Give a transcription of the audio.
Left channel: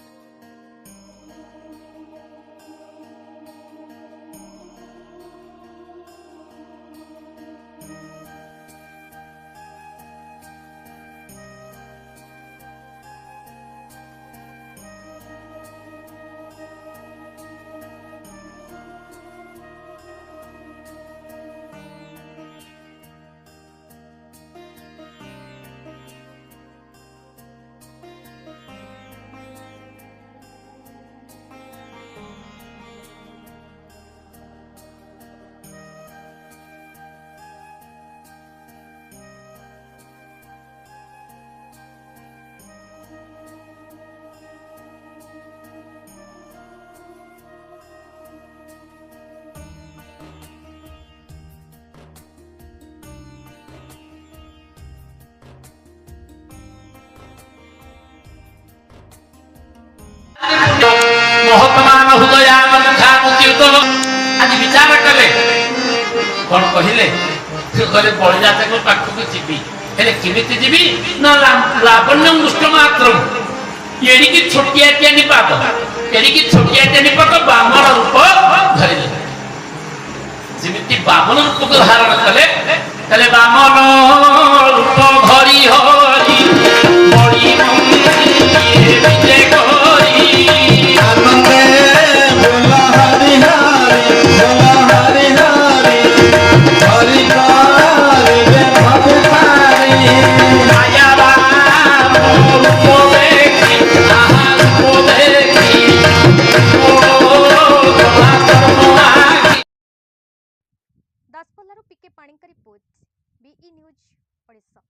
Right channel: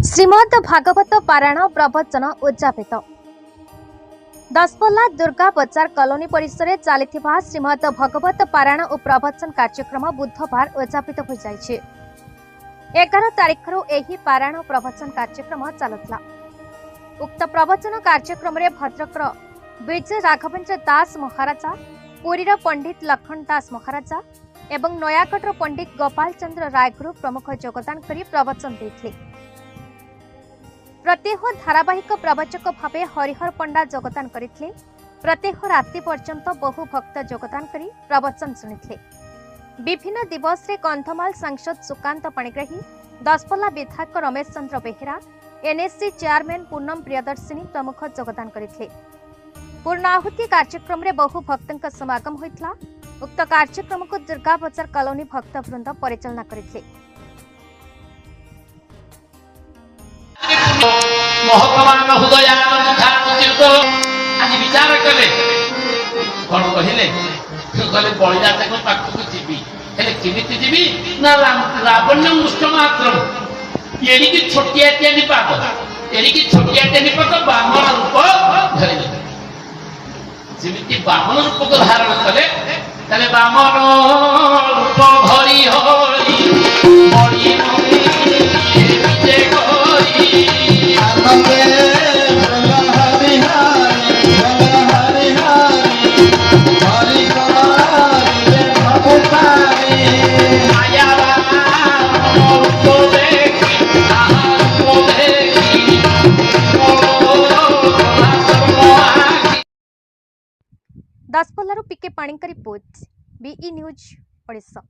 श्रीमद् भागवत पारायण प्रवचन उद्यापित दसपल्ला दुर्गा बजार कॉलोनी परिसर में चलता श्रीमद् भागवत पारायण और प्रवचन कार्यक्रम बुधवार उद्यापित हो जाए। 11 तारिखर एही पारायण प्रवचन कार्यक्रम चलुला। उक्त प्रवचन कार्यक्रम में भद्रकर विजय राघवेन्द्र दास महाराजा, पुरीर पंडित लखन दास महाराजा एवं नयागढ़ पंडित गोपाल चंद्र रायगुरु प्रमुख योगदान करी प्रवचन देते। प्रत्येह धारावाहिक प्रवचक भावे हरिहर पंडा योगदान करथिले। प्रत्येह राति पर्यंत बहु भक्त योगदान करी प्रवचन सुनिथिले। विभिन्न दिवस रे कंधमाल सांसद सुकांत पाणिग्राही, दसपल्ला विधायक रमेश चंद्र बेहेरा, एनएससी चेयरमैन पूनम प्रियदर्शिनी प्रमुख योगदान करथिले। पूर्णाहुति कार्यक्रम रे बहु भक्तक समागम होइतला। उक्त कार्यक्रम को दुर्गा बजार कॉलोनी भक्तवृंद परिचालना करथिले। महत्मान हृदयामुद्युत आज विचार कले कौन कहले कहले बलिजात पाखक जीवी हेले केमिति जीवी ना लावण्य मुष्ट मात्र एड़िकी छोटिया टेनी पाप एड़िकी छोटिया टेनी पाप बामन रूप धरिले जेमिति बामन रूप को धारण कले कहले बामन रूप धरि हरि बड़ी विजय दसपल्लारू पीके Panikkar report be news Odisha.